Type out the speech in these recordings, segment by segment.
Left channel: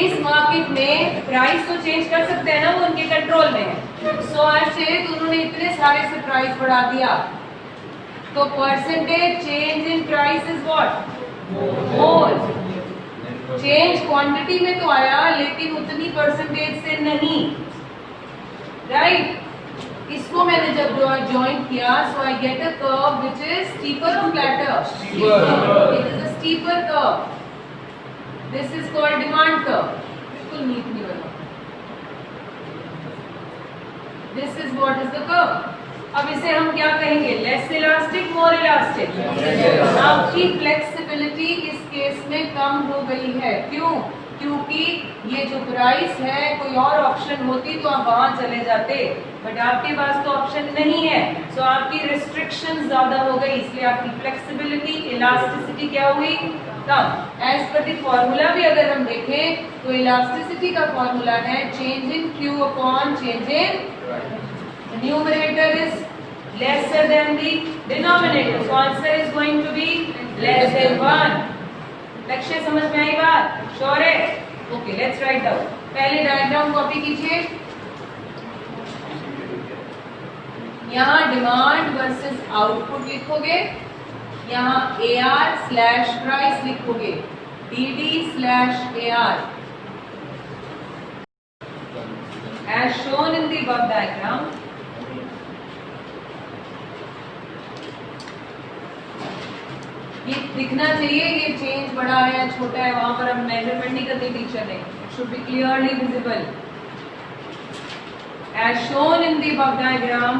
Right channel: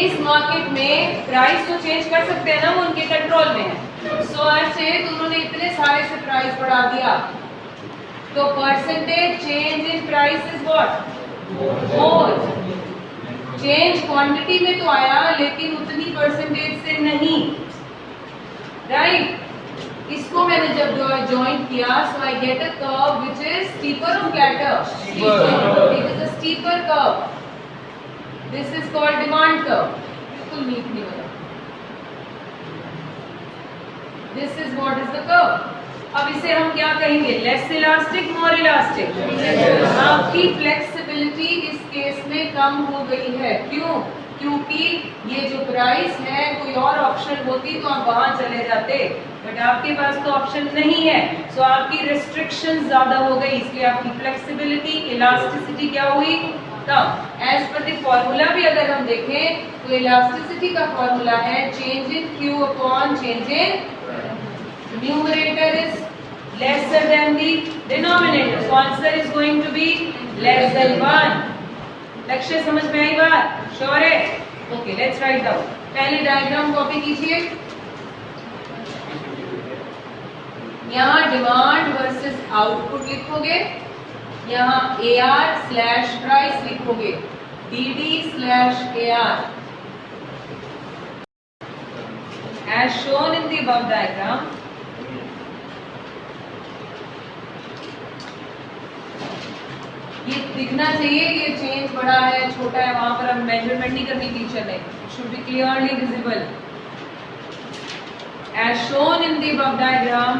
इस मार्केट में प्राइस तो चेंज कर सकते हैं ना, वो उनके कंट्रोल में है। सो ऐसे उन्होंने इतने सारे से प्राइस बढ़ा दिया, तो percentage change in price is what? More. Change quantity में तो आया लेकिन उतनी परसेंटेज से नहीं, राइट? इसको मैंने जब ज्वाइन किया, so I get a curve which is steeper और flatter. It is a steeper curve. This is called demand curve. बिल्कुल नीट नहीं बना। This is what is the curve. अब इसे हम क्या कहेंगे? Less elastic, more elastic. आपकी फ्लेक्सिबिलिटी इस केस में कम हो गई है। क्यों? क्योंकि ये जो प्राइस है, कोई और ऑप्शन होती तो आप वहां चले जाते, बट आपके पास तो ऑप्शन नहीं है। सो आपकी रिस्ट्रिक्शन ज्यादा हो गई, इसलिए आपकी फ्लेक्सिबिलिटी, इलास्टिसिटी क्या हुई? कम। एज पर द फॉर्मूला भी अगर हम देखें तो इलास्टिसिटी का फॉर्मूला है change in Q upon change in numerator is lesser than the denominator, so answer is going to be less than 1. लक्ष्य समझ में आई बात? श्योर है? Okay, let's write down. पहले डायग्राम कॉपी कीजिए। यहाँ डिमांड वर्सेस आउटपुट लिखोगे, यहाँ AR स्लैश प्राइस लिखोगे, DD slash AR as shown in the above diagram। ये दिखना चाहिए कि चेंज बड़ा है छोटा है, वहां पर हम मेजरमेंट नहीं करनी टीचर ने। It should be clearly visible as shown in the above diagram.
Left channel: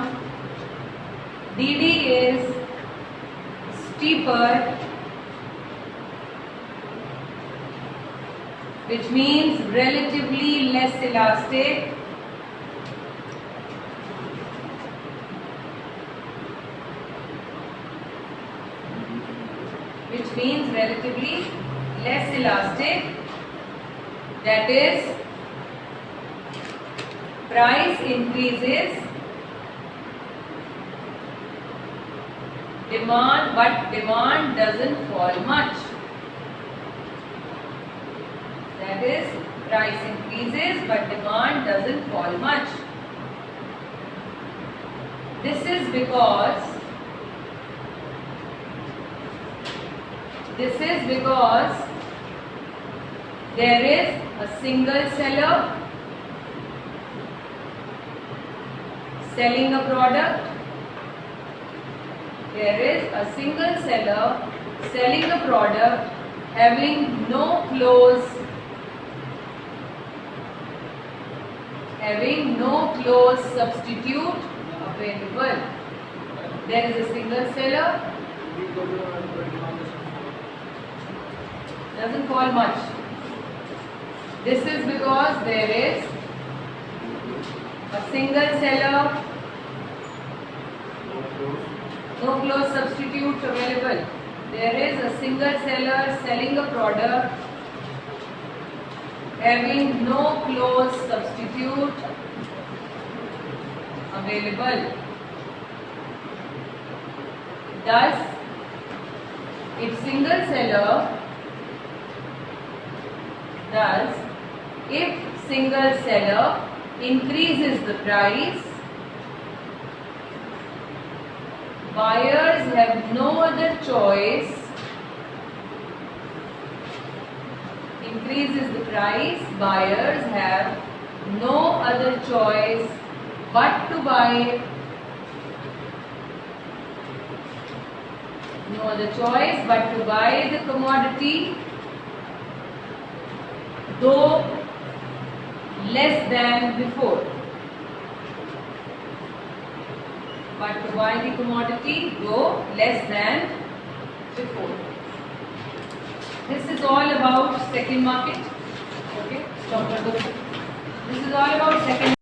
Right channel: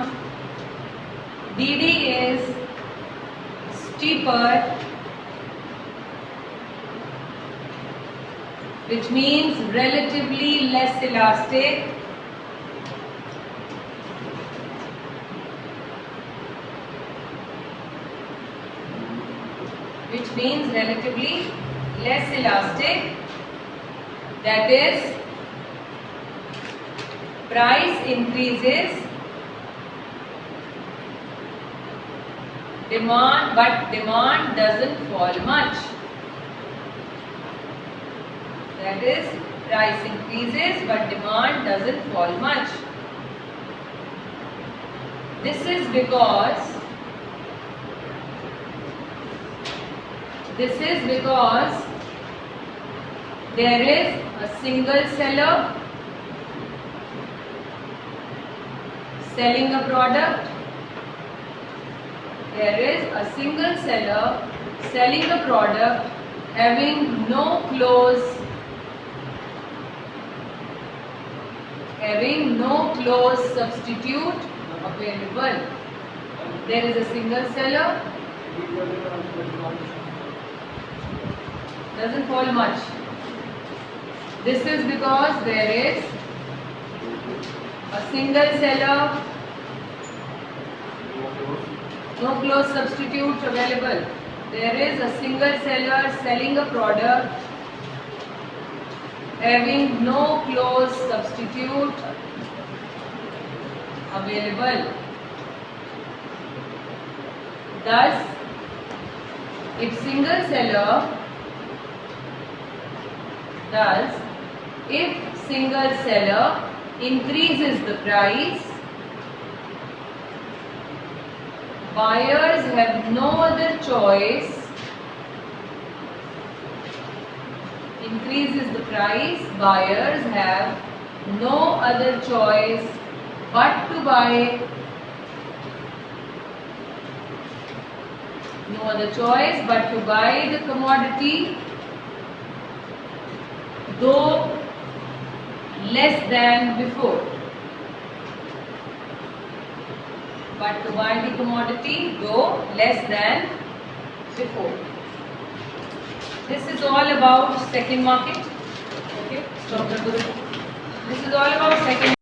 DD is steeper, which means relatively less elastic, which means relatively less elastic, that is price increases, but demand doesn't fall much, that is price increases but demand doesn't fall much. This is because there is a single seller selling a product. There is a single seller selling a product having no close substitute available. There is a single seller, doesn't fall much. This is because there is a single seller, no close substitutes available. There is a single seller selling a product having no close substitute available. Thus, if single seller increases the price, buyers have no other choice. Increases the price, buyers have no other choice but to buy. No other choice but to buy the commodity, though less than before. But to buy the commodity, though less than before. This is all about second market. Okay, stop the book. This is all about second.